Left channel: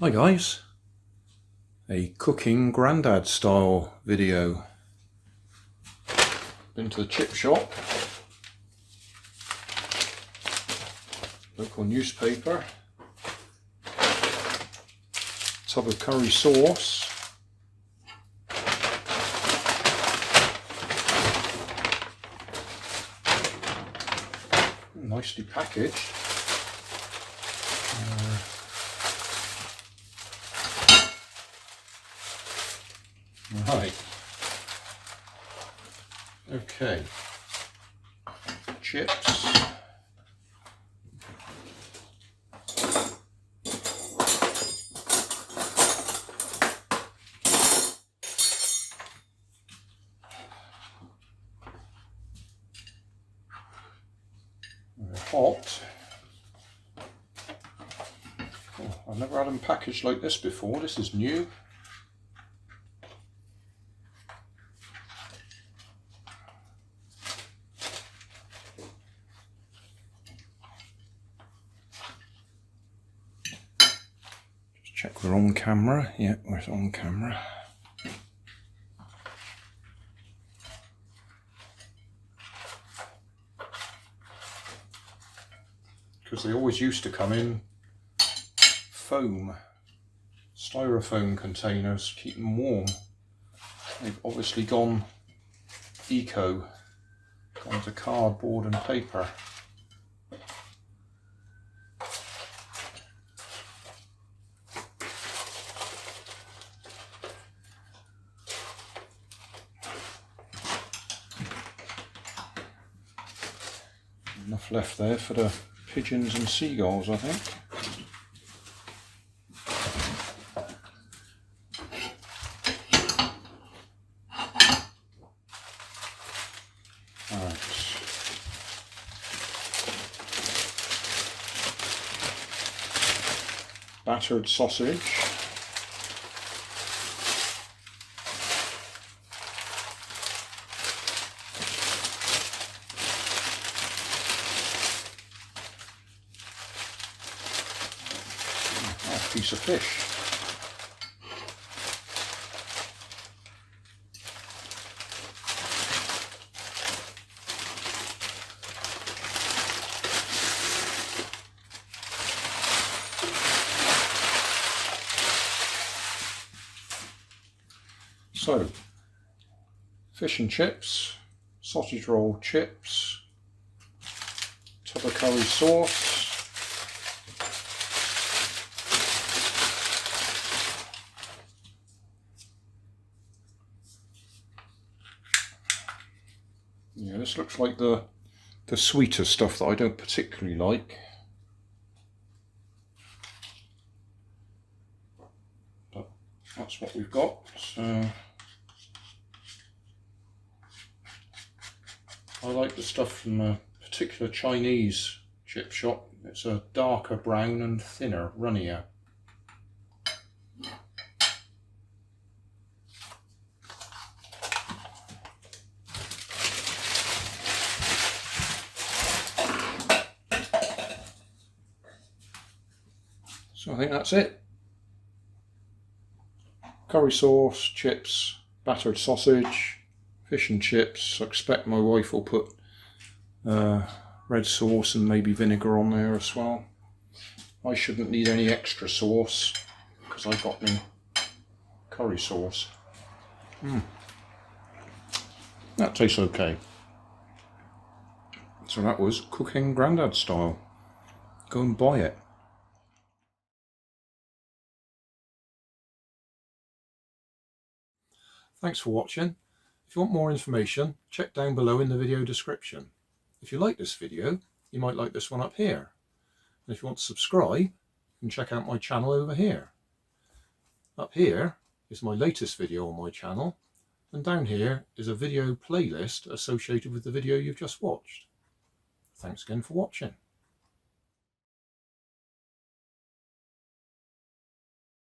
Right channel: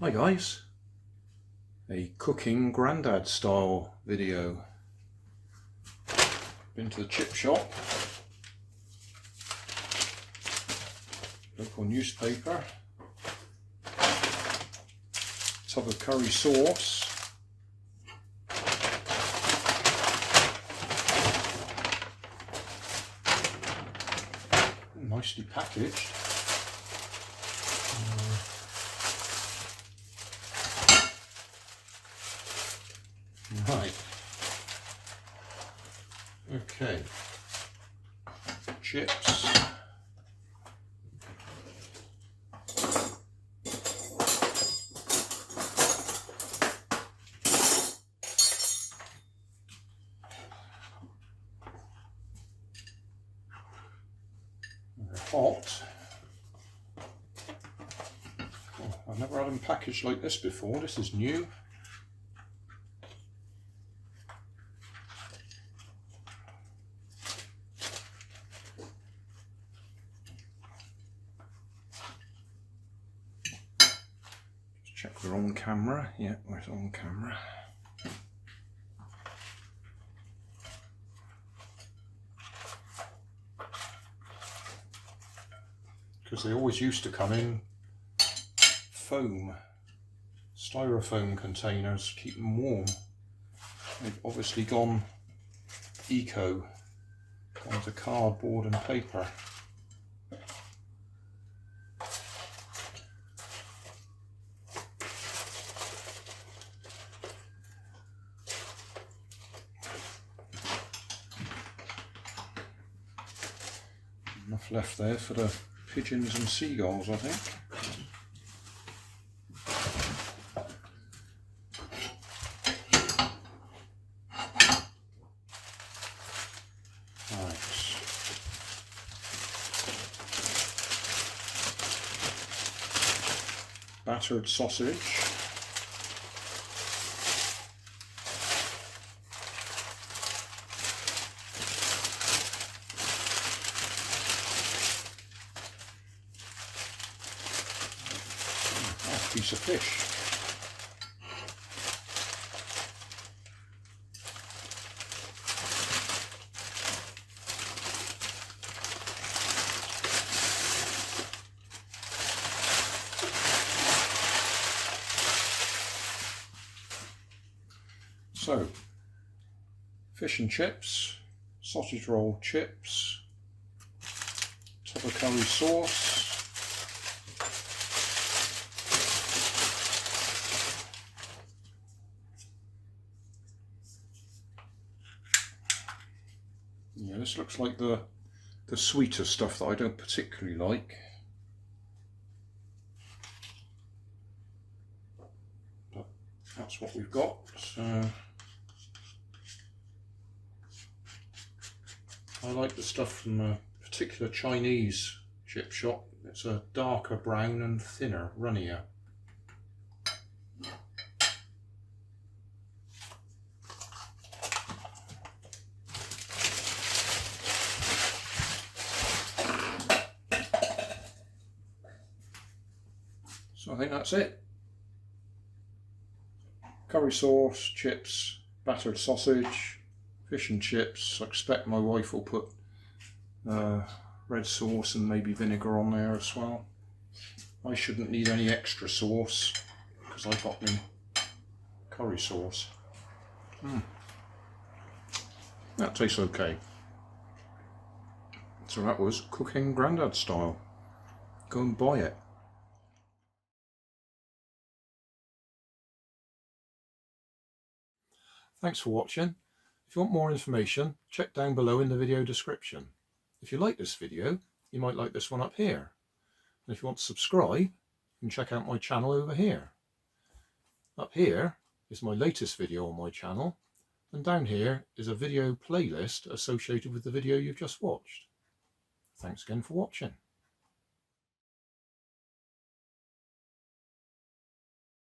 Hi guys, a cooking Grandad style video. Been to the chip shop, local newspaper, tub of curry sauce, nicely packaged. Right, okay, chips, they're hot. Oh, I've never had them packaged like this before, this is new. Check we're on camera. Yeah, we're on camera. Because they always used to come in foam, styrofoam containers, keep them warm. They've obviously gone eco, gone to cardboard and paper. Enough left there for the pigeons and seagulls, I think. Right. Battered sausage. Nice piece of fish. So, fish and chips, sausage roll chips, tub of curry sauce, yeah, this looks like the sweeter stuff that I don't particularly like. But that's what we've got. So I like the stuff from a particular Chinese chip shop. It's a darker brown and thinner, runnier. So I think that's it. Curry sauce, chips, battered sausage, fish and chips. I expect my wife will put red sauce and maybe vinegar on there as well. I shouldn't need any extra sauce because I've got my curry sauce. That tastes okay. So that was cooking Grandad style. Go and buy it. Thanks for watching. If you want more information, check down below in the video description. If you like this video, you might like this one up here. And if you want to subscribe, you can check out my channel over here. Up here is my latest video on my channel, and down here is a video playlist associated with the video you've just watched. Thanks again for watching.